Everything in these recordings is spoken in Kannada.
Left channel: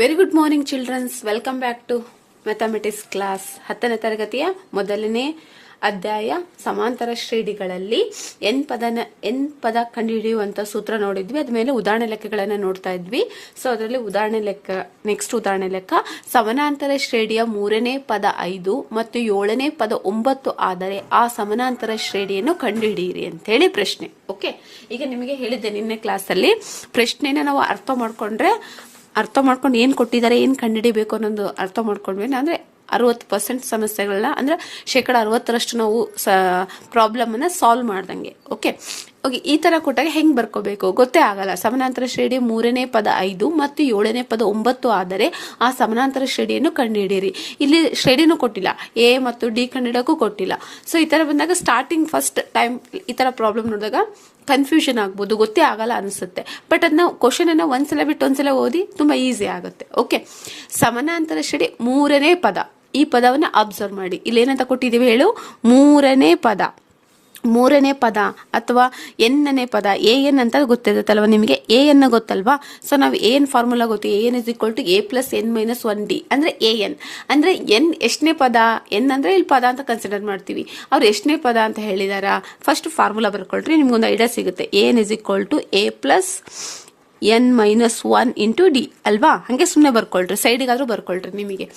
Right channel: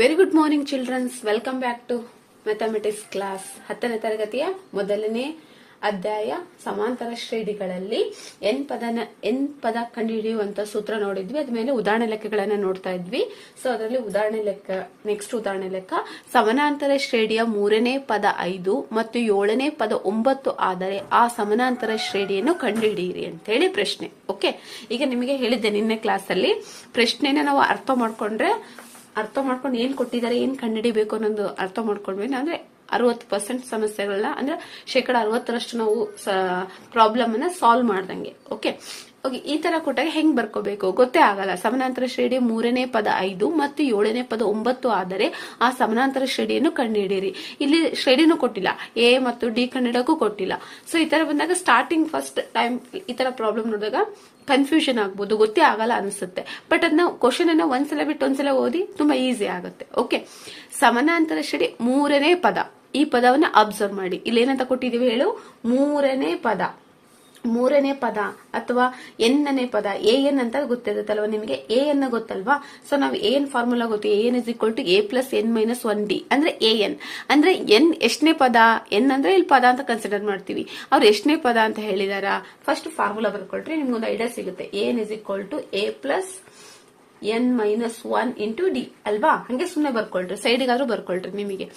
Very good morning childrens welcome back to mathematics class ಹತ್ತನೇ ತರಗತಿಯ ಮೊದಲನೇ ಅಧ್ಯಾಯ ಸಮಾಂತರ ಶ್ರೇಣಿಗಳಲ್ಲಿ ಎನ್ ಪದನ, ಎನ್ ಪದ ಕಂಡುಹಿಡಿಯುವಂತ ಸೂತ್ರ ನೋಡಿದ್ವಿ. ಅದ ಮೇಲೆ ಉದಾಹರಣೆ ಲೆಕ್ಕಗಳನ್ನ ನೋಡ್ತಾ ಇದ್ವಿ. ಸೊ ಅದರಲ್ಲಿ ಉದಾಹರಣೆ ಲೆಕ್ಕ ನೆಕ್ಸ್ಟ್ ಉದಾಹರಣೆ ಲೆಕ್ಕ. ಸಮಾನಾಂತರ ಶ್ರೇಣಿಯ ಮೂರನೇ ಪದ ಐದು ಮತ್ತು ಏಳನೇ ಪದ ಒಂಬತ್ತು ಆದರೆ ಆ ಸಮಾನಾಂತರ ಶ್ರೇಣಿಯನ್ನು ಕಂಡುಹಿಡಿಯಿರಿ ಅಂತ ಹೇಳಿ ಪ್ರಶ್ನೆ. ಓಕೆ ಈಗ ನಿಮಗೆ ಹೇಳಿದ್ದೆ ನಿನ್ನೆ ಕ್ಲಾಸಲ್ಲಿ ಪ್ರಶ್ನೆನ ನಾವು ಅರ್ಥ ಮಾಡ್ಕೊಂಡ್ರೆ ಅರ್ಥ ಮಾಡ್ಕೊಂಡು ಏನು ಕೊಟ್ಟಿದ್ದಾರೆ, ಏನು ಕಂಡುಹಿಡಿಬೇಕು ಅನ್ನೋದು ಅರ್ಥ ಮಾಡ್ಕೊಂಡ್ವಿ ಅಂದ್ರೆ ಅರವತ್ತು ಪರ್ಸೆಂಟ್ ಸಮಸ್ಯೆಗಳನ್ನ ಅಂದ್ರೆ ಶೇಕಡ ಅರವತ್ತರಷ್ಟು ನಾವು ಪ್ರಾಬ್ಲಮ್ ಪ್ರಾಬ್ಲಮನ್ನು ಸಾಲ್ವ್ ಮಾಡ್ದಂಗೆ. ಓಕೆ ಓಕೆ, ಈ ತರ ಕೊಟ್ಟಾಗ ಹೆಂಗ್ ಬರ್ಕೋಬೇಕು? ಗೊತ್ತೇ ಆಗಲ್ಲ. ಸಮಾನಾಂತರ ಶ್ರೇಣಿ ಮೂರನೇ ಪದ ಐದು ಮತ್ತು ಏಳನೇ ಪದ ಒಂಬತ್ತು ಆದರೆ ಆ ಸಮಾನಾಂತರ ಶ್ರೇಣಿಯನ್ನು ಕಂಡುಹಿಡಿಯಿರಿ. ಇಲ್ಲಿ ಶ್ರೇಣಿನೂ ಕೊಟ್ಟಿಲ್ಲ. ಎ ಮತ್ತು ಡಿ ಕನ್ನಡಕ್ಕೂ ಕೊಟ್ಟಿಲ್ಲ. ಸೊ ಈ ತರ ಬಂದಾಗ ಸ್ಟಾರ್ಟಿಂಗ್ ಫಸ್ಟ್ ಟೈಮ್ ಈ ತರ ಪ್ರಾಬ್ಲಮ್ ನೋಡಿದಾಗ ಕನ್ಫ್ಯೂಷನ್ ಆಗ್ಬೋದು. ಗೊತ್ತೇ ಆಗಲ್ಲ ಅನಿಸುತ್ತೆ. ಬಟ್ ಅದನ್ನ ಕ್ವಶನ್ ಅನ್ನ ಒಂದ್ಸಲ ಬಿಟ್ಟು ಒಂದ್ಸಲ ಓದಿ ತುಂಬಾ ಈಸಿ ಆಗುತ್ತೆ. ಓಕೆ ಸಮಾನಾಂತರ ಶ್ರೇಣಿ ಮೂರನೇ ಪದ. ಈ ಪದವನ್ನ ಅಬ್ಸರ್ವ್ ಮಾಡಿ. ಇಲ್ಲಿ ಏನಂತ ಕೊಟ್ಟಿದೀವಿ ಹೇಳು? ಮೂರನೇ ಪದ. ಮೂರನೇ ಪದ ಅಥವಾ ಎನ್ನನೇ ಪದ, ಎ ಎನ್ ಅಂತ ಗೊತ್ತಿರುತ್ತಲ್ವ ನಿಮಗೆ? ಎ ಎನ್ ಗೊತ್ತಲ್ವಾ? ಸೊ ನಾವು ಎನ್ ಫಾರ್ಮುಲಾ ಗೊತ್ತು. A n is equal to a plus n minus one d ಅಂದ್ರೆ ಎ ಎನ್. ಅಂದ್ರೆ ಎನ್ ಎಷ್ಟನೇ ಪದ? ಎನ್ ಅಂದ್ರೆ ಇಲ್ಲಿ ಪದ ಅಂತ ಕನ್ಸಿಡರ್ ಮಾಡ್ತೀವಿ. ಅವ್ರು ಎಷ್ಟನೇ ಪದ ಅಂತ ಹೇಳಿದಾರ? ಫಸ್ಟ್ ಫಾರ್ಮುಲಾ ಬರ್ಕೊಳ್ರಿ, ನಿಮ್ಗೊಂದು ಐಡಿಯಾ ಸಿಗುತ್ತೆ. A n is equal to a plus n minus one into d ಅಲ್ವಾ? ಹಂಗೆ ಸುಮ್ಮನೆ ಬರ್ಕೊಳ್ರಿ, ಸೈಡ್ಗಾದ್ರೂ ಬರ್ಕೊಳ್ರಿ ನಿಮಗೆ.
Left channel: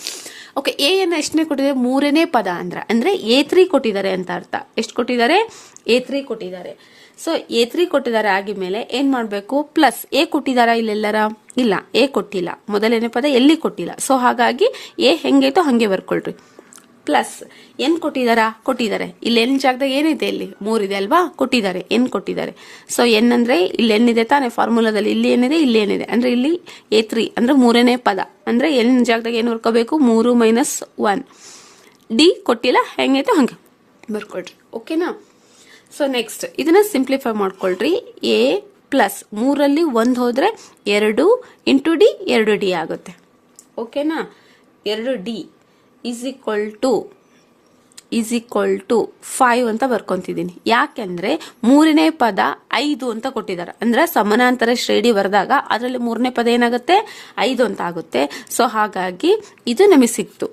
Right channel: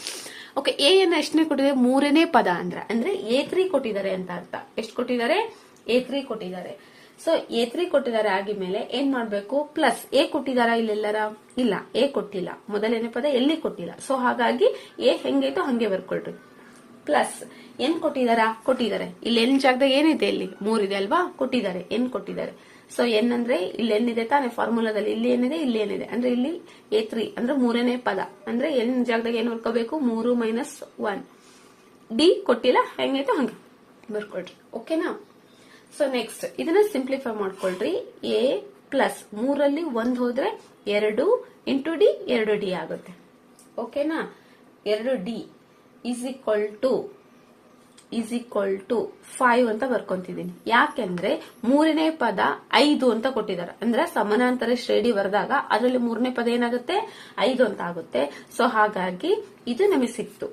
ಓಕೆ ಎ ಎನ್ ಎಷ್ಟನೇ ಕೊಟ್ಟಿದ್ದಾರೆ ಮೂರನೇ ಪದ ಅಂದ್ರೆ ಅಂದ್ರೆ ಎ ತ್ರೀ ಕೊಟ್ಟಿದ್ದಾರೆ ಅಂತ ಅರ್ಥ. ಎಷ್ಟು ಕೊಟ್ಟಿದ್ದಾರೆ? ಎ ತ್ರೀ ಕೊಟ್ಟಿದ್ದಾರೆ. ಸೊ ಎ ತ್ರೀ ಕೊಟ್ಟಿದ್ದಾರೆ ಆಗಿದ್ಮೇಲೆ ಏನ್ ಮಾಡಬೇಕು? ಪ್ಲಸ್ ಎ ಕೊಟ್ಟಿದಾರ ಇಲ್ಲೆಲ್ಲರ? ಇಲ್ಲ ಎ ಕೊಟ್ಟಿಲ್ಲ. ಮೊದಲನೇ ಪದ ಎಲ್ಲಿ ಕೊಟ್ಟಿಲ್ಲ? ಸೊ ಹಾಗಾಗಿ ಎ ಹೆಂಗೈತೋ ಹಂಗೆ ಬರ್ಕೊಳ್ರಿ. Plus N ಕೊಟ್ಟಿದಾರ? ಕೊಟ್ಟಿದ್ದಾರೆ. ಇಲ್ಲಿ ಎನ್ ಜಾಗದಾಗ ಏನಿದೆ ಇಲ್ಲಿ? ಮೂರಿದೆ ಅಲ್ವಾ? ಕೊಟ್ಟಿದ್ದಾರೆ. ಎನ್ ಕೊಟ್ಟಿದ್ದಾರೆ. ಸೊ ಎನ್ ಅಂದ್ರೆ ಇಲ್ಲಿ ಏನಿದೆ ತಾನೇ ಫಾರ್ಮುಲಾದಲ್ಲಿ ಇಲ್ಲಿ ಏನಿದೆ? ಇಲ್ಲಿ ಏನಿದೆ. ಅಂದ್ರೆ ಇಲ್ಲಿ ಎ ತ್ರೀ ಅಂದ್ರೆ ಮೂರನೇ ಪದ. ಅಂದ್ರೆ ಎನ್ ಜಾಗದಾಗ ಏನು ಬರ್ಕೋಬೇಕು ಮೂರು ಮೈನಸ್ ಒನ್ ಡಿ ಕೊಟ್ಟಿಲ್ಲ? ಹೆಂಗೈತೆ? ಹಂಗೆ. ಬರ್ಕೊಳ್ರಿ ಓಕೆನಾ ಸೊ ನೆಕ್ಸ್ಟ್ ಇದನ್ನ ಸಿಂಪ್ಲಿಫೈ ಮಾಡ್ಕೊಳ್ರಿ. ಎ ಪ್ಲಸ್ ಮೂರಲ್ಲಿ ಒಂದು ಹೋದ್ರೆ ಎರಡು ಇಂಟು ಡಿ ಎರಡು ಡಿ ಆಗುತ್ತೆ. ಓಕೆನಾ ಎರಡು d is equal to is equal to five ಅಂತ ಬರ್ಕೊತಿದ್ದೀನಿ. ಯಾಕೆಂದ್ರೆ ಮೂರನೇ ಪದ ಐದು ಅಂತ ಕೊಟ್ಟಿದ್ದಾರೆ. ಅಂದ್ರೆ ಸಮಾನಾಂತರ ಶ್ರೇಣಿ ಬರೆದಾಗ ಅದರಲ್ಲಿ ಮೂರನೇ ಪದ ಏನಾಗುತ್ತೆ? ಐದು ಅಂತ ಆಗುತ್ತೆ. ಸೊ ಹಾಗಾಗಿ ಇದು ನಮಗೆ ಸಿಕ್ತು.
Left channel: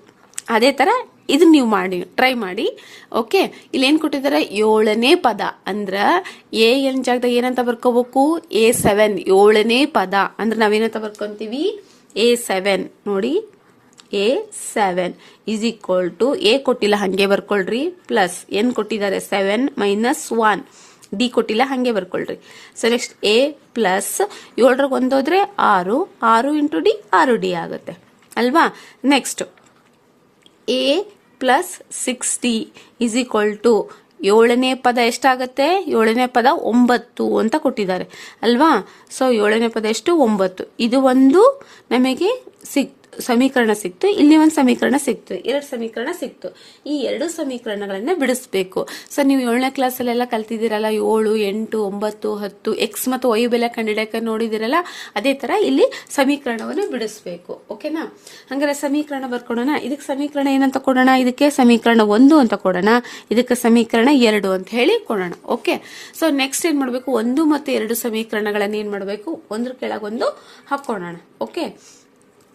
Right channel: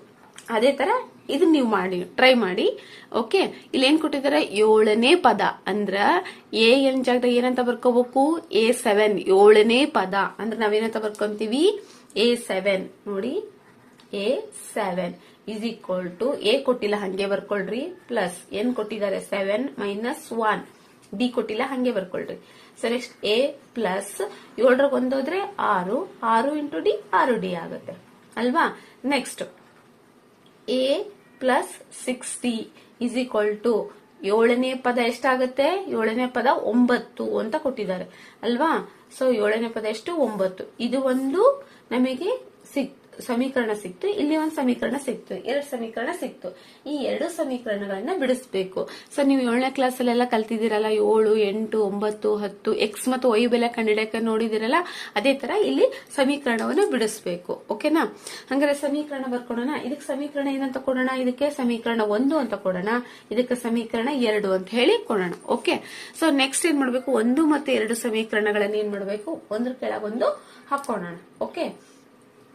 ಅದೇ ತರ ಇದನ್ನ ನೀವು ಮಾಡಿ ಟ್ರೈ ಮಾಡಿ. ಓಕೆ ಇಲ್ಲಿ ಏನ್ ಕೊಟ್ಟಿದ್ದಾರೆ? ಏಳನೇ ಪದ. ಅಂದ್ರೆ ಎ ಎನ್ ಜಾಗದಾಗ ಏನಂತ ಬರ್ಕೋಬೇಕು? A seven. ಏಳನೇ ಪದ. ಅಂದ್ರೆ ನಾವೇನಂತ ಬರ್ಕೊಂತೀವಿ? A seven. ನೋಡಿ. A seven. Is equal to A ಕೊಟ್ಟಿಲ್ಲ, ಹಂಗೆ ಬರ್ಕೊಳ್ರಿ. ಪ್ಲಸ್ ಎನ್ ಕೊಟ್ಟಿದ್ದಾರೆ, ಸೆವೆನ್ ಮೈನಸ್ ಒನ್. ಡಿ ಕೊಟ್ಟಿಲ್ಲ, ಹಂಗೆ ಬರ್ಕೊಳ್ರಿ. ಸೊ ನೆಕ್ಸ್ಟ್ ಎ ಪ್ಲಸ್ ಏಳರಾಗ ಒಂದೋದ್ರೆ ಆರು. ಆರು ಇಂಟು ಡಿ, ಆರು ಡಿ ಆಗುತ್ತೆ. ಅಲ್ವಾ? Next a plus six d is equal to ಏಳನೇ ಪದ ಎಷ್ಟಾಗುತ್ತೆ? ಏಳನೇ ಪದ ಒಂಬತ್ತು ಅಂತ ಕೊಟ್ಟಿದ್ದಾರೆ. ಅಲ್ವಾ? ಸೊ ಏಳನೇ ಪದ ಎಷ್ಟು? ಒಂಬತ್ತು. ಇದು ಒಂದು ನಮಗೆ ಸಿಕ್ ಸಮೀಕರಣ ಸಿಕ್ತು, ಇಲ್ಲಿ ಒಂದು ಸಮೀಕರಣ ಸಿಕ್ತು, ಎರಡು ಸಮೀಕರಣ ಸಿಕ್ತು. ಈ ಎರಡು ಸಮೀಕರಣಗಳನ್ನ ಬಿಡಿಸ್ಬೇಕು. ಸೊ ನೀವು ಏಳನೇ ಕ್ಲಾಸಲ್ಲೆಲ್ಲ ಕಲ್ತಿದ್ದೀರಲ್ಲ, ಏಳು, ಎಂಟು, ಒಂಬತ್ತು, ಹತ್ತು ಎಕ್ಸ್ ಮತ್ತು ವೈ ಬೆಲೆ ಕಂಡಿಡಕ್ಕೆ ನೋಡಿದಿರಲ್ಲ ಅದೇ ತರ ಇಲ್ಲಿ ಸಮೀಕರಣವನ್ನು ಬಿಡಿಸ್ಬೇಕು. ಓಕೆನಾ ಹಂಗಾರೆ ಸಮೀಕರಣ ಬರ್ಕೊಡೋಣ. ಇದಕ್ಕೆ ಸಮೀಕರಣ ಏನಂತ ಕೊಡೋಣ? ಇದಕ್ಕೆ ಸಮೀಕರಣ ಒಂದು ಅಂತ ಕೊಡೋಣ. ಇದಕ್ಕೆ ಸಮೀಕರಣ ಎರಡು ಅಂತ ಹೇಳಿ ಕೊಡೋಣ. ಓಕೆ ಸೊ ನೆಕ್ಸ್ಟ್ ಏನ್ ಮಾಡಬೇಕು? ಒಂದು ಮತ್ತು ಎರಡು ಸಮೀಕರಣಗಳನ್ನ ಏನ್ ಮಾಡಬೇಕು? ಒಂದ್ರ ಕೆಳಗೊಂದು ಹಾಕೋಣ ಓಕೆ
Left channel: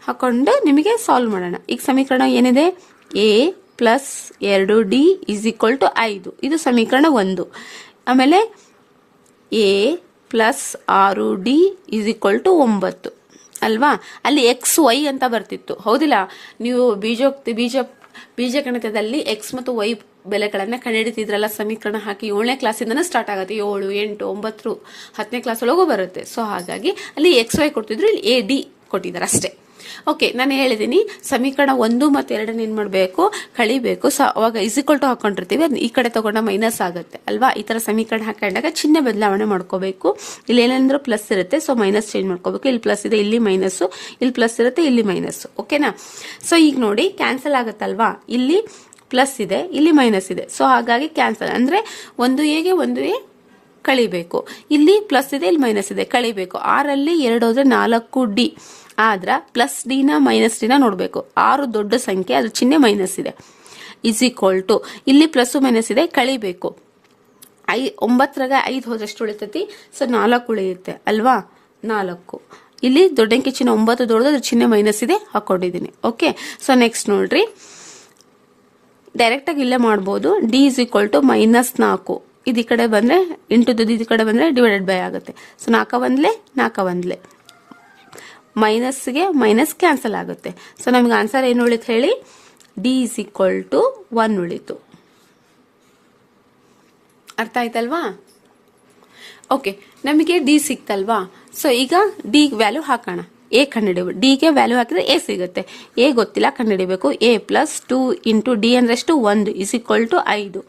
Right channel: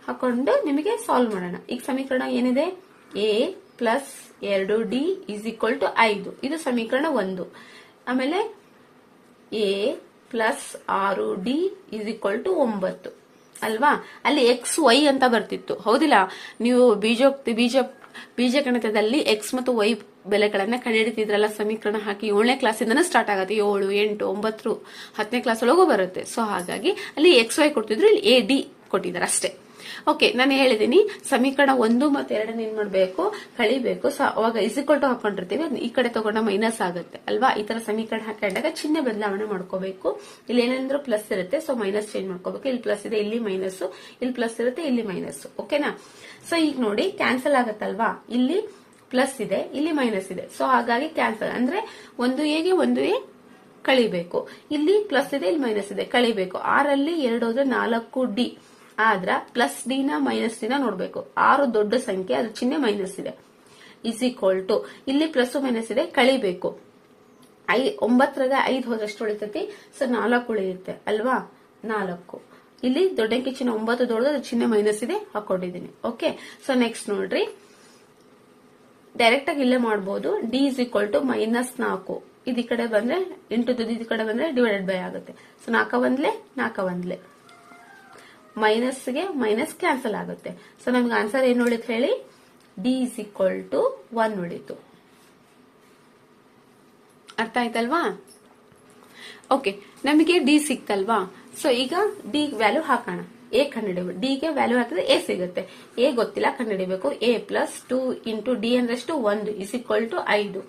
ಹಾಕೊಂಡು ನಿಮಗೆ ಸಾಲ್ವ್ ಮಾಡೋಣ. ಈಗ ಸಮೀಕರಣ ಏನಿದೆ? ಎ ಪ್ಲಸ್ ಎರಡು ಡಿ ಇಸ್ ಈಕ್ವಲ್ ಟು ಐದು. ಇದು ಸಮೀಕರಣ ಒಂದು. ಆಮೇಲೆ ಎ ಪ್ಲಸ್ ಆರು ಡಿ ಇಸ್ ಈಕ್ವಲ್ ಟು ಒಂಬತ್ತು. ಅಲ್ವಾ? ಅಲ್ಲಿ ಎಕ್ಸ್ ವೈ ಅಂತ ಬರ್ತಿತ್ತು. ಹೌದಿಲ್ಲ? ನೀವು ಬೀಜೋಕ್ತಿ ಬೀಜ ಬೀಜಗಣಿತದಲ್ಲಿ ಎಕ್ಸ್ ಮತ್ತು ವೈ ಬೆಲೆಗಳನ್ನ ಕಂಡುಹಿಡಿತಿದ್ರಲ್ಲ ಸಮೀಕರಣ ಹಾಕಿ ಏಳನೇ ಕ್ಲಾಸಿಂದನೇ ಸ್ಟಾರ್ಟ್ ಆಗುತ್ತೆ. ಏಳು, ಎಂಟು, ಒಂಬತ್ತು, ಹತ್ತನೇ ಕ್ಲಾಸ್ ಒಳಗೂ ಬರುತ್ತೆ. ಸೊ ಹಾಗಾಗಿ ಅಲ್ಲಿ ಎಕ್ಸ್ ವೈ ಕೊಟ್ಟಿದ್ರು, ಇಲ್ಲಿ ಎ ಡಿ ಕೊಟ್ಟಿದ್ದಾರೆ ಅಷ್ಟೇ. ಓಕೆ ನಾನು ಹೇಳಿದ್ದೀನಿ ಸಮೀಕರಣ ಒಂದು ಮತ್ತು ಎರಡನ್ನ ಏನು ಮಾಡಬೇಕು? ಕಳಿಬೇಕು. ಸೊ ಅವಾಗ ಇಸಿಕ್ವಲ್ ಟು ಹಾಕೊಂಡಿರ್ತೀವಿ. ಅದು ಈ ಕಡೆ ತೊಗೊಂಡ ಮೈನಸ್ ಆಗುತ್ತೆ. ಅಲ್ವಾ? ಈ ಥರ ಸಮೀಕರಣ ಹಾಕೊಂಡಾಗ ಚಿಹ್ನೆ ಬದಲಾವಣೆ ಮಾಡ್ಕೋಬೇಕು. ಇಲ್ಲಿ ಏನಂದ್ರೆ ಪ್ಲಸ್ ಇರುತ್ತೆ. ಸೊ ಮೈನಸ್ ಚೇಂಜ್ ಮಾಡ್ಕೋಬೇಕು. ಇಲ್ಲಿ ಪ್ಲಸ್ ಇದೆ, ಇಲ್ಲಿ ಮೈನಸ್ಸು ಇಲ್ಲಿ ಪ್ಲಸ್ ಇರುತ್ತೆ, ಇಲ್ಲಿ ಮೈನಸ್ಸು ಓಕೆನಾ ಸೊ ಈಗ ನೋಡಿ ಕ್ಯಾನ್ಸಲ್ ಆಗುತ್ತಲ್ವಾ? ಇಲ್ಲಿ ಪ್ಲಸ್ ಇದೆ, ಇಲ್ಲಿ ಮೈನಸ್ ಇದೆ. ಸೊ ಹಾಗಾಗಿ ಕ್ಯಾನ್ಸಲ್ ಅಂದರೆ ಒಂದು ಎಗೆ ಒಂದು ಎ ಕಳಿಬೇಕು. ಇಲ್ಲಿ ಪ್ಲಸ್ ಇದೆ, ಇಲ್ಲಿ ಮೈನಸ್ ಇದೆ. ಕಳಿಬೇಕು. ಆರಲ್ಲಿ ಎರಡು ಹೋದರೆ ನಾಲ್ಕು ಡಿ. ಆದ್ರ ಪ್ಲಸ್ ಡಿನ ಮೈನಸ್ ಡಿನ ನೋಡಬೇಕು. ಆರು ದೊಡ್ಡ ಸಂಖ್ಯೆ ಅದ್ರ ಚಿಹ್ನೆ ಮೈನಸ್ ಇದೆ. ಇಸ್ ಈಕ್ವಲ್ ಟು ಇಲ್ಲಿ ಪ್ಲಸ್ ಮೈನಸ್ ಇದೆ, ಕಳಿಬೇಕು. ಐ, ಒಂಬತ್ತರಾಗ ಐದು ಹೋದಷ್ಟು ಉಳಿತೈತಿ ಸೊ ನಾಲ್ಕು ಉಳಿಯುತ್ತೆ, ಅಲ್ವಾ? ನಾಲ್ಕು. ಇಲ್ಲಿ ದೊಡ್ಡಂಕಿ ಚಿಹ್ನೆ ಒಂಬತ್ತು ದೊಡ್ಡದು ಅದ್ರ ಚಿಹ್ನೆ ಮೈನಸ್ ಇದೆ ಹಾಕೊಂಡಿದ್ದೀನಿ. ಓಕೆ ಸೊ ನೆಕ್ಸ್ಟ್ ನೋಡ್ರಿ. ಡೈರೆಕ್ಟಾಗಿ ಇಲ್ಲೇ ಮಾಡ್ಬೋದು. D is equal to minus ನಾಲ್ಕು. ಇದು ಈ ಕಡೆ ಬಂದರೆ ಇಂಟು ದುಡ್ಡು ಈ ಕಡೆ ಬಂದರೆ ಡಿವೈಡೆಡ್ ಬೈ ಆಗುತ್ತೆ. ಸೊ ನಾಲ್ಕ ಒಂದ್ಲೆ ನಾಲ್ಕ ಒಂದ್ಲೆ ಮೈನಸ್ಗೆ ಮೈನಸ್ ಕ್ಯಾನ್ಸಲ್ ಆಗುತ್ತೆ. ಸೊ ನಮಗೆ ಆನ್ಸರ್ ಏನು ಉಳಿತು ಹೇಳಿ? D is equal to one ಉಳಿತು. ಅರ್ಥ ಆಯ್ತಲ್ವಾ? ಓಕೆ ನಮಗೆ ಡಿ ಸಿಕ್ತಲ್ವಾ? ಸೊ ಈಗ ಡಿ ವ್ಯಾಲ್ಯೂ ಹಾಕೋಣ. ಎ ಡಿ ಡಿಗೆ ವ್ಯಾಲ್ಯೂ ಹಾಕಿದ್ರೆ ಎ ಸಿಗುತ್ತೆ. ಎ ಗೊತ್ತಿಲ್ಲ ಕಂಡುಹಿಡಿಬೇಕು a plus two into d ಅಂದ್ರೆ ಎಷ್ಟು ಒಂದು ಇಸ್ ಈಕ್ವಲ್ ಟು ಐದು.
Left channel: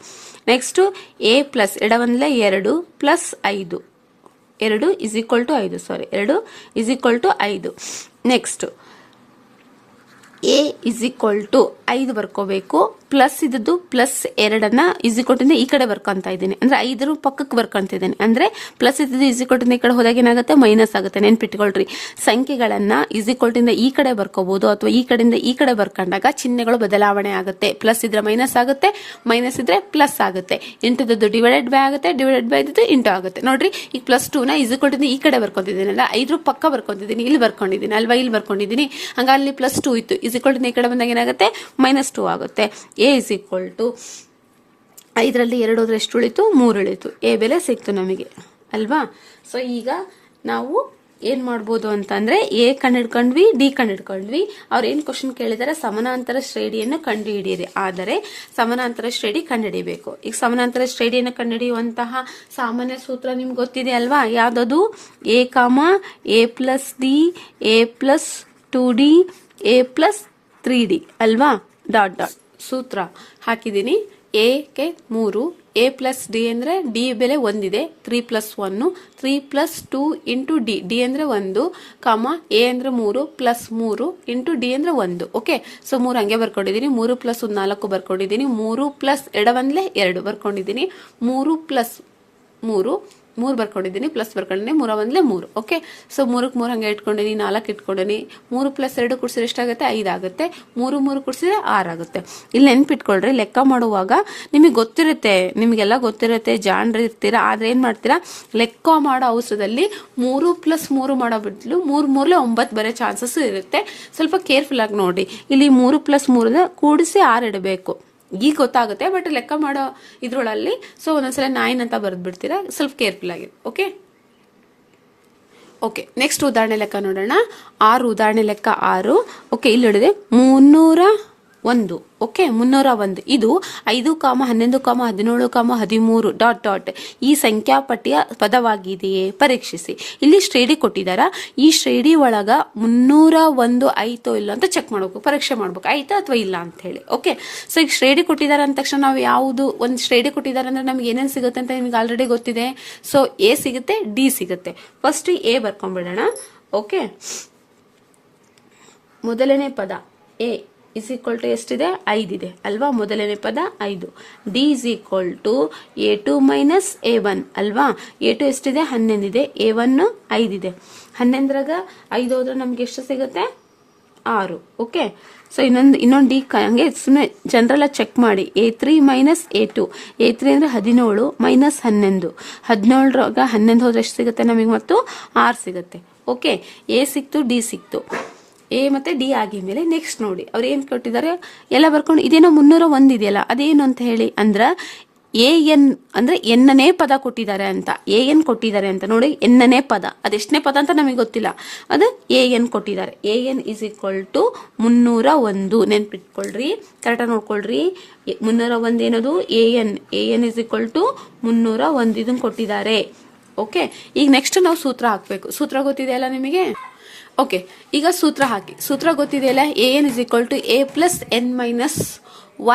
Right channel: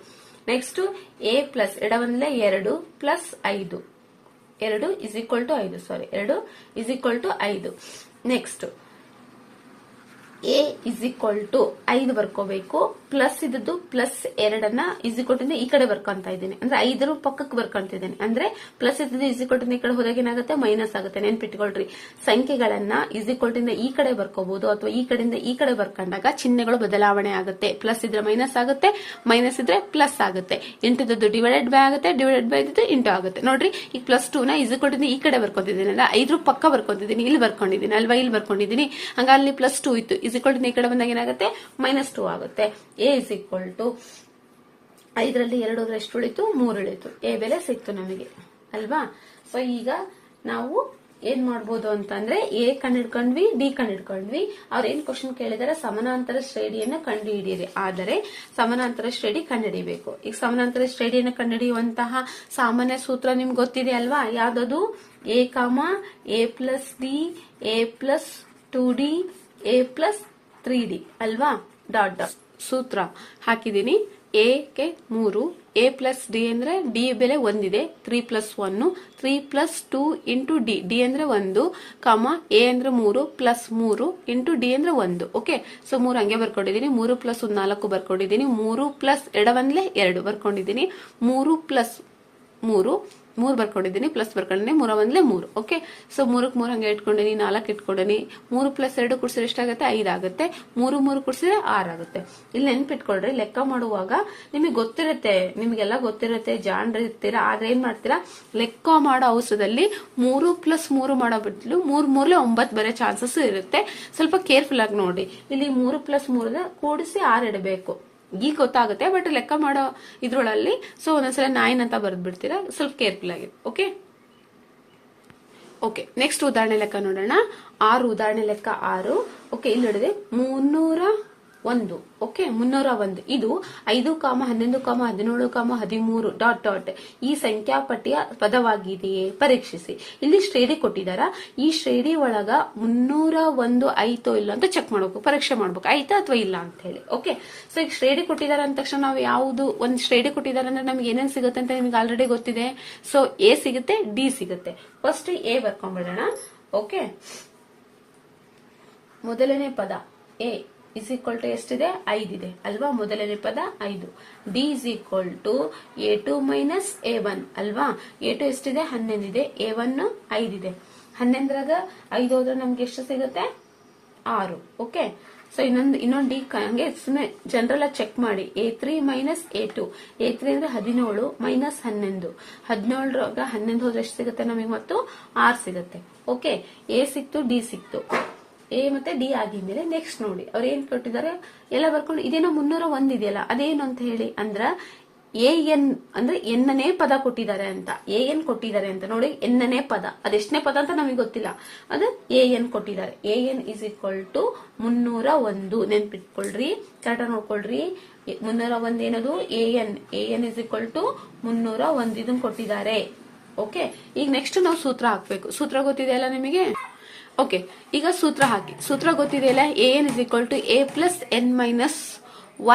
ನೆಕ್ಸ್ಟ್ ಎ ಪ್ಲಸ್ ಎಡವಂದ್ಲೆ ಎರಡು ಪ್ಲಸ್ ಐದು. ಎರಡು ಇಸ್ ಈಕ್ವಲ್ ಟು ಐದು ಸಾರಿ ಎರಡು ಇಸ್ ಈಕ್ವಲ್ ಟು ಐದು. Next A is equal to ಐದು ಬರ್ಕೋಬೇಕು. ಪ್ಲಸ್ ಇದ್ದದ್ದು ಪ್ಲಸ್ ಎರಡನ್ನ ಟು ಈ ಕಡೆ ಬರ್ಕೊಂತ ಇದ್ದೀನಿ. ಅಂದ್ರೆ ಐದರ ಪಕ್ಕಕ್ಕೆ ಬರ್ಕೊಂತಿದ್ದೀನಿ ಅಂದ್ರೆ ಪ್ಲಸ್ ಇದ್ದದ್ದು ಟು ಈ ಕಡೆ ಹೋದಾಗ ಏನಾಗುತ್ತೆ? ಮೈನಸ್ ಆಗುತ್ತೆ. ನೆನ್ಪಿಟ್ಕೊಳ್ರಿ. ಸಂಖ್ಯೆಗಳನ್ನ ಟು ಈ ಕಡೆ ಬರ್ಕೋಬಹುದು ಅಥವಾ ಈ ಕಡೆಯಿಂದ ಈ ಕಡೆ ಬರ್ಕೊಂಡಾಗ ಚಿಹ್ನೆಗಳು ಬದಲಾವಣೆ ಆಗುತ್ತೆ. ಪ್ಲಸ್ ಇದ್ರೆ ಮೈನಸ್ ಆಗುತ್ತೆ. ಮೈನಸ್ ಇದ್ರೆ ಪ್ಲಸ್ ಆಗುತ್ತೆ. ಇಂಟುದದ್ದು ಡಿವೈಡೆಡ್ ಬೈ ಆಗುತ್ತೆ. ಡಿವೈಡೆಡ್ ಬೈ ಇದ್ದು ಇಂಟು ಆಗುತ್ತೆ. ನೋಡ್ರಿ, ಈಗ ಪ್ಲಸ್ ಟೂ ನ ಇಸ್ ಈಕ್ವಲ್ ಟು ಈ ಕಡೆ ಬರ್ಕೊಂಡಿದ್ದೀನಲ್ಲ ಐದ್ರ ಪಕ್ಕ ಬರ್ಕೊಂಡಿದ್ದೀನಿ ಇಲ್ಲಿ ಬರ್ಕೊಂಡಿದ್ದೀನಿ ಅಲ್ವಾ? ಇಲ್ಲಿ ಬರ್ಕೊಂಡಿದ್ದೀನಿ. ಹಂಗ ಅಲ್ಲಿ ಪ್ಲಸ್ ಟೂ ಇತ್ತು. ಈಕ್ವಲ್ ಈ ಕಡೆ ಬಂದಾಗ ಏನಾಗುತ್ತೆ? ಮೈನಸ್ ಟೂ ಆಗುತ್ತೆ. ಎ ಇಸ್ ಈಕ್ವಲ್ ಟು ಐದರಲ್ಲಿ ಎರಡು ಹೋದ್ರೆ ಎಷ್ಟು ಉಳಿತು ಮೂರು ಉಳಿತು ಎ ಬೆಲೆ ಸಿಕ್ತು ನಮಗೆ, ಅಲ್ವಾ? ಸೊ ಈಗ ನಾವು ಏನು ಮಾಡ್ಬೋದು ಅಂತಂದರೆ ಎ ಕಂಡಿಡ್ಕೊಂಡ್ವಿ ಡಿ ಕಂಡಿಡ್ಕೊಂಡ್ವಿ ಅವ್ರು ಏನು ಕ್ವಶನ್ ಕೇಳಿದಾರೆ? ಸಮಾನಾಂತರ ಶ್ರೇಣಿಯನ್ನು ಕಂಡುಹಿಡಿಯಿರಿ. ಆದರೆ ಸಮಾನಾಂತರ ಶ್ರೇಣಿ ಕಂಡುಹಿಡಿಬೇಕು. ಈಗ ಸಮಾನಾಂತರ ಶ್ರೇಣಿಯನ್ನು ಕಂಡುಹಿಡಿಯುವಂತಹ ಸಾಮಾನ್ಯ ಸೂತ್ರ ನಿಮ್ಗೆ ಗೊತ್ತಿದೆ ಅಲ್ವಾ? ಯಾವುದದು? A comma a plus d a plus two d a plus three d ಅಲ್ವಾ? ಡಾಟ್ ಡಾಟ್ ಸೂತ್ರ ಹಾಕಿದ್ದೀನಿ. ಎ ಕೆ ಮೂರು ಎ ಪ್ಲಸ್ ಡಿ ಅಂದ್ರೆ ಡಿ ಬೆಲೆ ಒಂದಿದೆ. Three plus one three plus two into d d ಅಂದ್ರೆ ಒಂದು ಕಾಮ ಎ ಅಂದ್ರೆ ಮೂರು ಪ್ಲಸ್ ಮೂರು ಇಂಟು ಡಿ ಅಂದ್ರೆ ಒಂದು. ಓಕೆ ಸೊ ಮೂರು ಹಂಗೆ ಬರ್ಕೊಂಡಿದ್ದೀನಿ. ಮೂರು ಪ್ಲಸ್ ಒಂದು ನಾಲ್ಕು ಬರ್ಕೊಂಡಿದ್ದೀನಿ. ಮೂರು ಪ್ಲಸ್ ಎಡವಂದ್ಲೆ ಎರಡು ಬರ್ಕೊಂಡಿದ್ದೀನಿ. ಮೂರು ಪ್ಲಸ್ ಮೂರು ಮೂರು ಬರ್ಕೊಂಡಿದ್ದೀನಿ ಪ್ಲಸ್ ಬರ್ಕೊಂಡಿದ್ದೀನಿ, ಮೂರ ಒಂದ್ಲೆ ಮೂರು ಓಕೆ ಸೊ ಮೂರಕ್ಕೆ ಮೂರು ಹಂಗೆ ಇಟ್ಕೊಂಡಿನಿ, ನಾಲ್ಕು ಇಟ್ಕೊಂಡಿನಿ, ಮೂರು ಪ್ಲಸ್ ಎರಡು ಕುಡಿಸಿದ್ರೆ ಎಷ್ಟಾಗುತ್ತೆ? ಐದಾಗುತ್ತೆ ಮೂರು ಮೂರು ಕುಡಿಸಿದ್ರೆ ಆರಾಗುತ್ತೆ ಇಲ್ಲಿ ನೆನ್ಪಿಟ್ಕೊಳ್ರಿ, ಲೆಕ್ಕ ಮಾಡುವಾಗ ನಿಮಗೆ ಗೊತ್ತಿರುತ್ತೆ, ನಿಮಗೆಲ್ಲ ಗೊತ್ತಿರುತ್ತೆ ಜಾನ್ರಿ ಇರ್ತೀರಾ, ಆದ್ರೆ ಏನು ಮಾಡ್ತೀರಾ? ಲೆಕ್ಕ ಮಾಡೋ ಅವಸರದಲ್ಲಿ ಮೂರು ಪ್ಲಸ್ ಮೂರು ಮಾಡೋ ಬದಲು ಮೂರು ಮೂರಲೆ ಒಂಬತ್ತು ಬರೋ ಚಾನ್ಸಸ್ ಇರುತ್ತೆ. ಸ್ವಲ್ಪ ಕೇರ್ಫುಲ್ ಆಗಿ ನೋಡಿ. ಇಲ್ಲಿ ಮೂರು ಪ್ಲಸ್ ಮೂರನ್ನ ಕೂಡಿಸಿ ಆರು ಇಡಬೇಕು. ಈಗ ಗೊತ್ತಾಗುತ್ತೆ ಬಟ್ ಲೆಕ್ಕ ಮಾಡೋ ಇದ್ರೊಳಲ್ಲಿ ಸೊ ಒಂದೊಂದ್ಸಲ ನೈನ್ ಅಂತ ಬರೆದು ಬಿಡ್ತೀರಾ ಸ್ವಲ್ಪ ಕೇರ್ಫುಲ್ ಆಗಿ ಓಕೆ ಓಕೆ ನೆಕ್ಸ್ಟ್ ಉದಾಹರಣೆ ಲೆಕ್ಕ ನೋಡೋಣ. ಆರು ಉದಾಹರಣೆ ಲೆಕ್ಕ ಆರು ಓಕೆ ಇಲ್ಲಿ ಹಿಡಿದೆ ಮುನ್ನೂರ ಒಂದು. ಓಕೆ ಮುನ್ನೂರ ಒಂದು. ಇದು ಐದು ಕಾಮ ಹನ್ನೊಂದು ಕಾಮ ಹದಿನೇಳು ಕಾಮ ಹದಿಮೂರು ಡಾಟ್ ಡಾಟ್. ಈ ಸಂಖ್ಯಾಪಟ್ಟಿಯ ಪದವಾಗಿದೆಯೇ? ಪರೀಕ್ಷಿಸಿ. ಇಲ್ಲಿ ಶ್ರೇಣಿ ಕೊಟ್ಟಿದಾರ. ಈ ಶ್ರೇಣಿ ಒಳಗ ಮುನ್ನೂರ ಒಂದು ಐತೋ ಇಲ್ಲ ಅಂತ ಚೆಕ್ ಮಾಡ್ಬೇಕು. ಪರೀಕ್ಷೆ ಮಾಡ್ಬೇಕು. ಆಯ್ತಾ ಅಥವಾ ಇಲ್ಲ ಅಂತ ಹೇಳಿ. ಓಕೆ ಸೊ ಈಗ ಶ್ರೇಣಿ ಕೊಟ್ಟಿದ್ದಾರೆ ಅಂದ ತಕ್ಷಣ ನಾವು ಯಾವುದು ಒಂದು ಶ್ರೇಣಿ ಕೊಟ್ಟಿದ್ದಾರೆ ಅಂದ್ರೆ ನಮ್ಗೆ ಏನೇನು ಸಿಗುತ್ತೆ ಅಂತ ನಿಮ್ಗೆ ಆಲ್ರೆಡಿ ಗೊತ್ತಿದೆ. ಸೊ ಎ ಸಿಗುತ್ತೆ ಡಿ ಸಿಗುತ್ತೆ. ಫಸ್ಟ್ ಎ ಬರ್ಕೊಂಡ್ಬಿಡೋಣ. ಓಕೆ ಮೊದಲನೇ ಪದ ಎ ಇಸ್ ಈಕ್ವಲ್ ಟು ಎಷ್ಟಿದೆ? ಐದಿದೆ ಅಲ್ವಾ? ಮೊದಲನೇ ಪದ ಐದು. D is equal to a two minus a one ಅಲ್ವಾ? ಎ ಟು ಎಷ್ಟಿದೆ? ಹನ್ನೊಂದಿದೆ. ಎ ಒನ್ ಐದಿದೆ ಹನ್ನೊಂದರಾಗ ಐದು ಹೋದ್ರೆ ನಮ್ಗೆ ಎಷ್ಟು ಸಿಗುತ್ತೆ? ಆರು. ಓಕೆ ಸೊ ಇನ್ನೊಂದು ಇನ್ನೊಂದು ಡಿ ಹಂಗೆ ಸುಮ್ಮನೆ ಜನರಲ್ಲ ಚೆಕ್ ಮಾಡಿ. A three minus a two a three ಅಂದ್ರೆ ಹದಿನೇಳು ಮೈನಸ್ ಹನ್ನೊಂದು. ಹದಿನೇಳರಾಗ ಹನ್ನೊಂದು ಹೋದ್ರೆ ಎಷ್ಟು ಸಿಗುತ್ತೆ ನಮಗೆ ಮತ್ತು? ಆರು ಸಿಗುತ್ತೆ. ಓಕೆ ಎ ಸಿಕ್ತು ಡಿ ಸಿಕ್ತು. ಎ ಮತ್ತೆ ಡಿ ಆಗಿದ್ಮೇಲೆ ನೆಕ್ಸ್ಟ್ ನೋಡಿ. ಅವ್ರು ಏನ್ ಕೊಟ್ಟಿದ್ದಾರೆ? ಎಲ್ಲ ಬರ್ಕೊಂಡು ಇದೇನೋ ಮುನ್ನೂರ ಒಂದಿದೆಯಲ್ಲ ಅದೇನು ಅಂತ ಹೇಳಿ ಅಂದ್ರ ಎ ಎನ್, ಅಂದ್ರೆ ಎನ್ನನೇ ಪದ ಕೊಟ್ಟಿದ್ದಾರೆ ಅಂತ. ಎ ಎನ್ ಕೊಟ್ಟಿದ್ದಾರೆ ಅಂತ ನೋಡಿ ಎನ್ನನೇ ಪದ. ಅದೆಷ್ಟನೇ ಪದ ಅಂತ ನಮಗೆ ಗೊತ್ತಿಲ್ಲ. ಅದು ಎ ಎನ್ ಕೊಟ್ಟಿದ್ದಾರೆ. A n is equal to ಮುನ್ನೂರ ಒಂದು. ನೆನ್ಪಿಟ್ಕೊಳ್ರಿ ಕರೆಕ್ಟಾಗಿ ನೋಡ್ಕೊಳ್ರಿ. ಮುನ್ನೂರ ಒಂದು ಏನದು? A n. A n is equal to ಮುನ್ನೂರ ಒಂದು ಇದನ್ನ ಕೊಟ್ಟಿದ್ದಾರೆ. ಓಕೆ? ಈಗ ನೆಕ್ಸ್ಟ್ ನಾವು ಸೂತ್ರ ಹಾಕ್ಬೇಕು. ಸೂತ್ರ ಗೊತ್ತಿದೆಯಲ್ಲ ನಿಮಗೆ? ಓಕೆ, ಈಗ ಸೂತ್ರ ಹಾಕಿ. ಸೂತ್ರ ಗೊತ್ತಿದೆಯಲ್ಲ? A n is equal to a plus n minus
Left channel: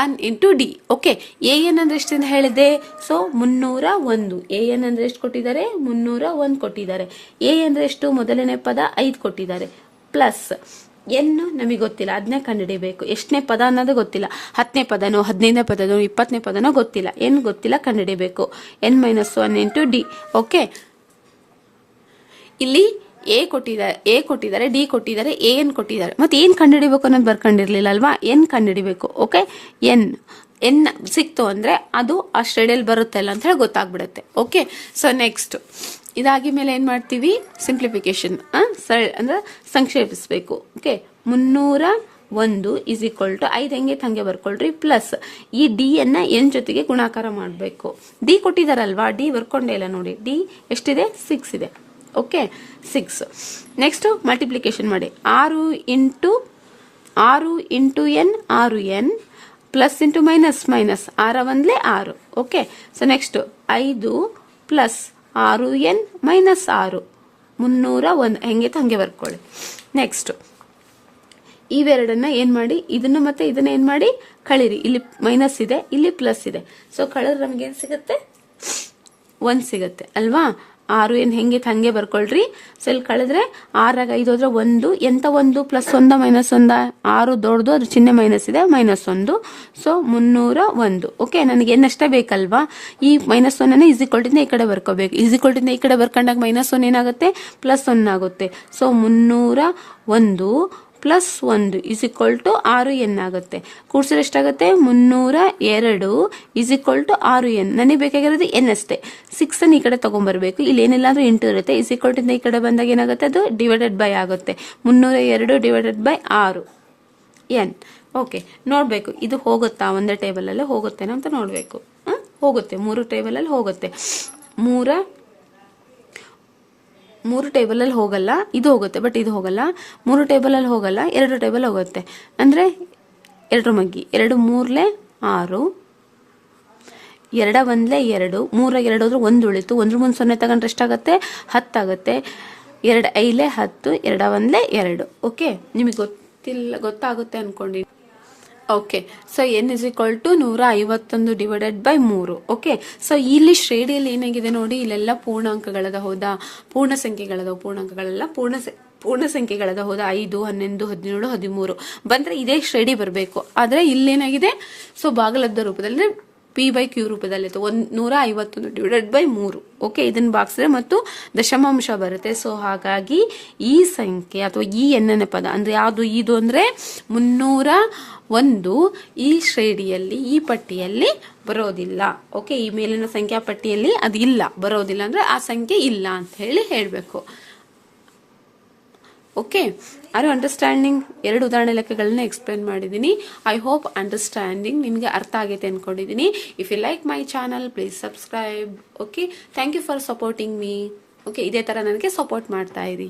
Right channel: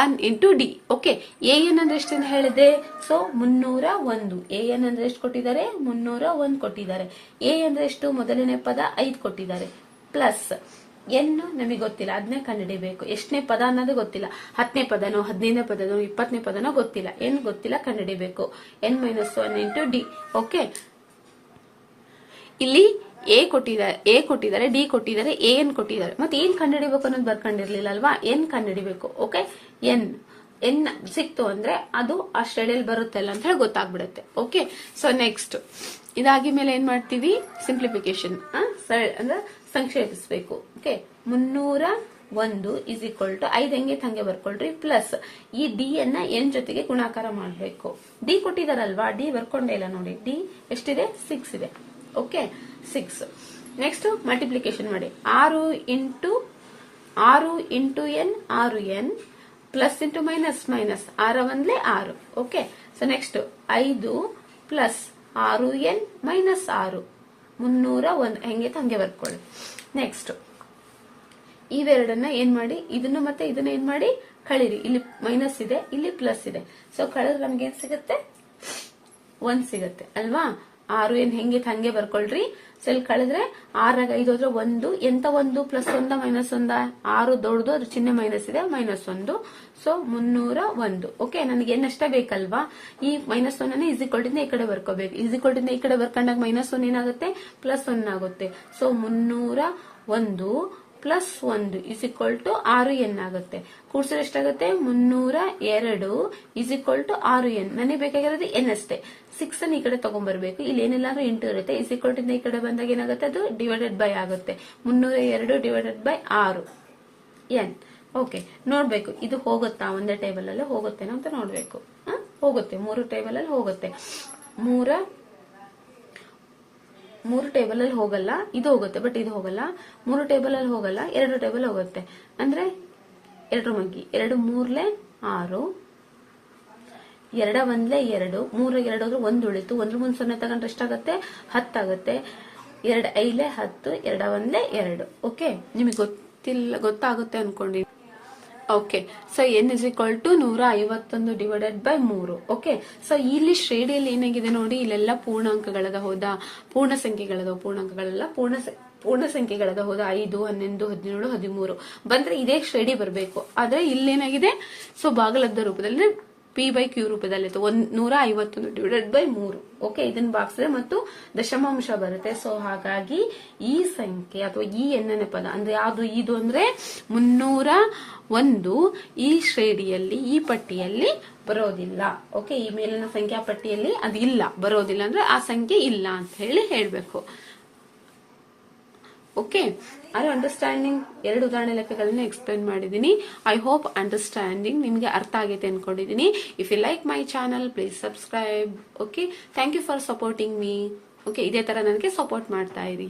one into d okay a n ಅಂದ್ರೆ ಎಷ್ಟು ಅಂತ ಹೇಳಿದೆ ಸೊ ಮುನ್ನೂರ ಒಂದು. ಎ ಎನ್ ಅಂದ್ರೆ ಎಷ್ಟು ಕೊಟ್ಟಿದ್ದಾರೆ? ಮುನ್ನೂರ ಒಂದು ಕೊಟ್ಟಿದ್ದಾರೆ. ಎ ಅಂದ್ರೆ ಎಷ್ಟು? ಮೊದಲನೇ ಪದ ಐದು ಕೊಟ್ಟಿದ್ದಾರೆ. ಪ್ಲಸ್ ಎನ್ ನಮಗೆ ಗೊತ್ತಿಲ್ಲ. ಅದನ್ನೇ ಕಂಡುಹಿಡಿಬೇಕು. ಎಷ್ಟನೇ ಪದ ಅನ್ನೋದು ಗೊತ್ತಿಲ್ಲ. ಹತ್ತನೇ ಪದನೋ, ಹದಿನೈದನೇ ಪದನೋ, ಇಪ್ಪತ್ತನೇ ಪದನೋ ಗೊತ್ತಿಲ್ಲ. ಏನು ಗೊತ್ತಿಲ್ಲ, ಕಂಡುಹಿಡಿಬೇಕು. N minus one into d okay, ಇಲ್ಲಿ ಎ ಕೊಟ್ಟಿದ್ದಾರೆ ಎ ಕೊಟ್ಟಿದ್ದಾರೆ ಡಿ ಕೊಟ್ಟಿದ್ದಾರೆ ಎ ಎನ್ ಕೊಟ್ಟಿದ್ದಾರೆ. ಮತ್ತೆ ಏನ್ ಕಂಡುಹಿಡಿಬೇಕು ಅನ್ನೋದು ಬರ್ಕೊಂಡಿರ್ಲಿಲ್ಲ ಅಲ್ವಾ? ಎನ್ ಕಂಡುಹಿಡಿಬೇಕು ಓಕೆ ಎನ್ ಎನ್ ಸಿಕ್ತು ಅಂದ್ರೆ ಅದು ಆ ಸ್ಟಡಿಯಲ್ಲಿ ಬರುತ್ತೆ ಅಲ್ಲ ಅಂತ ಹೇಳಿ ಗೊತ್ತಾಗ್ಬಿಡುತ್ತೆ ಓಕೆ ಸೊ ನೆಕ್ಸ್ಟ್ ಇದಾಗಿ ಮೇಲೆ ಏನ್ ಮಾಡ್ತೀವಿ? ಸಿಂಪ್ಲಿಫಿಕೇಶನ್ ಸರಳ, ಅಂದ್ರೆ ಸಂಕ್ಷೇಪಿಸಬೇಕು ಓಕೆ ಮುನ್ನೂರ ಒಂದು ಇಸ್ ಈಕ್ವಲ್ ಟು ಐದು ಹೆಂಗೆ ತಂಗೆ ಬರ್ಕೊಳ್ರಿ? ಪ್ಲಸ್ ಈ ಡಿ ಅನ್ನ ಎನ್ ಜೊತೆಗೆ ಗುಣಾಕಾರ ಮಾಡಬೇಕು. ಡಿ ಕೊಟ್ಟಿದಾರಲ್ವಾ? ಡಿ ಬರ್ಕೊಂಡೇ ಇಲ್ಲ ನೋಡಿ. ಡಿ ಎಷ್ಟಿದೆ? ಸಿಕ್ಸ್ ಇದೆ. ಓಕೆ ಸಿಕ್ಸ್ ನೆಕ್ಸ್ಟ್ ಮಲ್ಟಿಪ್ಲಿಕೇಶನ್ ಮಾಡಿ. ಆರು ಇಂಟು ಆರು ಇಂಟು ಎನ್, ಆರು n plus into minus minus ಆರ ಒಂದ್ಲೆ ಆರು. ಓಕೆ ಸೊ ನೆಕ್ಸ್ಟ್ ಐದು ಪ್ಲಸ್ ಆರು ಎನ್ ಮೈನಸ್ ಆರು. ಮುನ್ನೂರ ಒಂದು. ಹೆಂಗೆ ಹಂಗೆ ಬರ್ಕೊಳ್ಳಿ. ನೆಕ್ಸ್ಟ್ ಇವೆರಡನ್ನ ಏನು ಮಾಡಿ? ಇದನ್ನ ಮತ್ತೆ ಇದನ್ನ ಏನು ಮಾಡಿ? ಕಳೀರಿ. ಇಲ್ಲಿ ಮೈನಸ್ ಇದೆ, ಇಲ್ಲಿ ಪ್ಲಸ್ ಇದೆ. ಸೊ ಕಳೆದ್ರೆ ನಮ್ಗೆ ಏನ್ ಸಿಗುತ್ತೆ? ಒಂದು ಸಿಗುತ್ತೆ, ಅಲ್ವಾ? ಆರು ಏನು ಹೆಂಗೆ ಹಂಗೆ ಬರ್ಕೊಳ್ರಿ. ಸೊ ಇಲ್ಲಿ ಕಳೆದ್ರೆ ಆರಾಗ ಐದು ಹೋದ್ರೆ ಒಂದು. ಎಂತ ಒಂದು? ಪ್ಲಸ್ ಒಂದ ಮೈನಸ್ ಒಂದ. ಆರು ದೊಡ್ಡದು, ಅದ್ರ ಚಿಹ್ನೆ ಮೈನಸ್ ಇದೆ ಮೈನಸ್ ಒಂದು. ಸೊ ಮುನ್ನೂರ ಒಂದು. ಓಕೆ ನನಗೆ ಏನಷ್ಟೇ ಬೇಕಲ್ವಾ? ಈ ಮೈನಸ್ ಒನ್ನ ಈಸಿಕ್ವಲ್ಟಿಂದ ಈ ಕಡೆ ಬರ್ಕೋಬೇಕು. ಈಸಿಕ್ವಲ್ಟಿಂದ ಈ ಕಡೆ ಬರ್ಕೊಂಡಾಗ ಮೈನಸ್ ಒನ್ ಏನಾಗುತ್ತೆ? ಪ್ಲಸ್ ಒನ್ ಆಗುತ್ತೆ. ಸೊ ಮುನ್ನೂರ ಒಂದು. ಪ್ಲಸ್ ಒಂದು ಇಸ್ ಈಕ್ವಲ್ ಟು ಆರು ಎನ್ ಆಗುತ್ತೆ. ಕೂಡ್ಸಿದ್ರೆ ಎಷ್ಟಾಗುತ್ತೆ? ಮುನ್ನೂರ ಎರಡು ಇಸ್ ಈಕ್ವಲ್ ಟು ಆರು ಎನ್. ನನಗೆ ಬೇಕಾಗಿರೋದು ಎನ್ ಅಷ್ಟೇ. ಸಿಕ್ಸ್ ಅನ್ನು ಈ ಕಡೆ ತೊಗೊಂಬರ್ಬೇಕು. ಇಲ್ಲಿ ಏನಿಲ್ಲ ಅಂದ್ರೆ ಎಂಟು ಇರುತ್ತೆ. ಇಸ್ ಈಕ್ವಲ್ ಟು ಈ ಕಡೆ ಬಂದಾಗ ಏನಾಗುತ್ತೆ? ಅದು ಡಿವೈಡೆಡ್ ಬೈ ಆಗುತ್ತೆ. ಮುನ್ನೂರ ಎರಡು ಡಿವೈಡೆಡ್ ಬೈ ಆರು. ಎನ್. ಓಕೆ ನೋಡಬೇಕು. ಇದು ಹೋಗುತ್ತಾ? ಒಂದೇ ಟೇಬಲಲ್ಲೇ ಹೋಗುತ್ತೇನೋ ಅಂತ ನೋಡಬೇಕು. ಹೋಗುತ್ತೆ. ಮೂರು ಟೇಬಲಲ್ಲಿ ಹೋಗುತ್ತೆ. ಮೂರ ಮೂರು ಟೇಬಲಲ್ಲಿ ಹೋಗಲ್ಲ, ಇದು ಹೋಗುತ್ತೆ ಬಟ್ ಇದು ಹೋಗಲ್ಲ. ಮೂರು ಟೇಬಲಲ್ಲಿ ಹೋಗಲ್ಲ, ಎರಡು ಟೇಬಲ್ ಹೋಗುತ್ತೆ. ಅಂದ್ರೆ ಎರಡು ಮಗ್ಗಿ, ಎರಡು ಮೂರ್ಲೆ ಆರು, ಎರಡ ಒಂದ್ಲೆ ಎರಡು ಮೂರ ಎರಡು ಹೋದ್ರೆ ಒಂದು ಉಳಿತು. ಒಂದ್ರ ಮುಂದೆ ಸೊನ್ನೆ ತಗೊಂಡ್ರೆ ಎಷ್ಟಾಗುತ್ತೆ? ಹತ್ತಾಗತ್ತೆ. ಎರಡು ಐಲೆ ಹತ್ತು, ಎರಡ ಒಂದ್ಲೆ ಎರಡು. ಓಕೆ ನಿಮಗೆ ಗೊತ್ತಿಲ್ಲ, ಗೊತ್ತಾಗುತ್ತೆ ಅನ್ಕೊಂಡಿದ್ದೀನಿ okay so n is equal to ನೂರ ಐವತ್ತೊಂದು ಡಿವೈಡೆಡ್ ಬೈ ಮೂರು. ಓಕೆ ಸೊ ಇಲ್ಲಿ ಶ್ರೇಣಿಯಲ್ಲಿ ಏನಾಗಿದೆ ನೋಡಿ, ಇಲ್ಲೆಲ್ಲ ಪೂರ್ಣಾಂಕಗಳದ ಹೌದಾ ಪೂರ್ಣ ಸಂಖ್ಯೆಗಳದ ಪೂರ್ಣಾಂಕಗಳೆಲ್ಲ ಪೂರ್ಣ ಪೂರ್ಣ ಸಂಖ್ಯೆಗಳದ ಹೋದ ಐದು ಹನ್ನೊಂದು ಹದಿನೇಳು, ಹದಿಮೂರು. ಬಂದ್ರೆ ಇದೇ ಶ್ರೇಣಿ ಬರಬೇಕು. ಆದ್ರೆ ಇಲ್ಲೇನಾಗಿದೆ? ಸೊ ಭಾಗಲಬ್ಧ ರೂಪದಲ್ಲಿ ಪಿ ಬೈ ಕ್ಯೂ ರೂಪದಲ್ಲಿ ಒಂದು ನೂರ ಐವತ್ತೊಂದು ಡಿವೈಡೆಡ್ ಬೈ ಮೂರು. ಓಕೆ ಇದನ್ನ ಬಾಗಿಸಿದ್ರೆ ಮತ್ತು ದಶಮಾಂಶ ಬರುತ್ತೆ. ಸೊ ಹಾಗಾಗಿ ಈ ಸಂಖ್ಯೆ ಅಥವಾ ಈ ಎನ್ನನ ಪದ, ಅಂದ್ರೆ ಯಾವುದು, ಇದು ಅಂದ್ರೆ ಮುನ್ನೂರ ಒಂದು ಈ ಶ್ರೇಣಿಯಲ್ಲಿ, ಈ ಪಟ್ಟಿಯಲ್ಲಿ ಬರೋದಿಲ್ಲ. ಓಕೆ ಈ ಮೇಲಿನ ಸಂಖ್ಯಾ ಪಟ್ಟಿಯಲ್ಲಿ ಅದು ಇಲ್ಲ. ಬರೋದಿಲ್ಲ ಅಂದ್ರೆ ಆ ಸಂಖ್ಯೆ ಇಲ್ಲ ಅಂತ ಹೇಳಿ ಹೇಳಬೇಕು. ಓಕೆ ಆರ್ ಅಂಡರ್ಸ್ಟ್ಯಾಂಡಿಂಗ್ ಎರಡು ಉದಾಹರಣೆ ಲೆಕ್ಕಗಳನ್ನ ಎಕ್ಸ್ಪ್ಲೈನ್ ಮಾಡಿದ್ದೀನಿ ಐ ಹೋಪ್ ಅಂಡರ್ಸ್ಟ್ಯಾಂಡಿಂಗ್ ನಿಮಗೆ ಅರ್ಥ ಆಗೈತೆ ಅನ್ಕೊಂಡಿದ್ದೀನಿ if you like my channel please subscribe okay thank you for supporting me okay ಇದೇ ತರ ನನಗೆ ಸಪೋರ್ಟ್ ಮಾಡ್ತಾ ಇರಿ.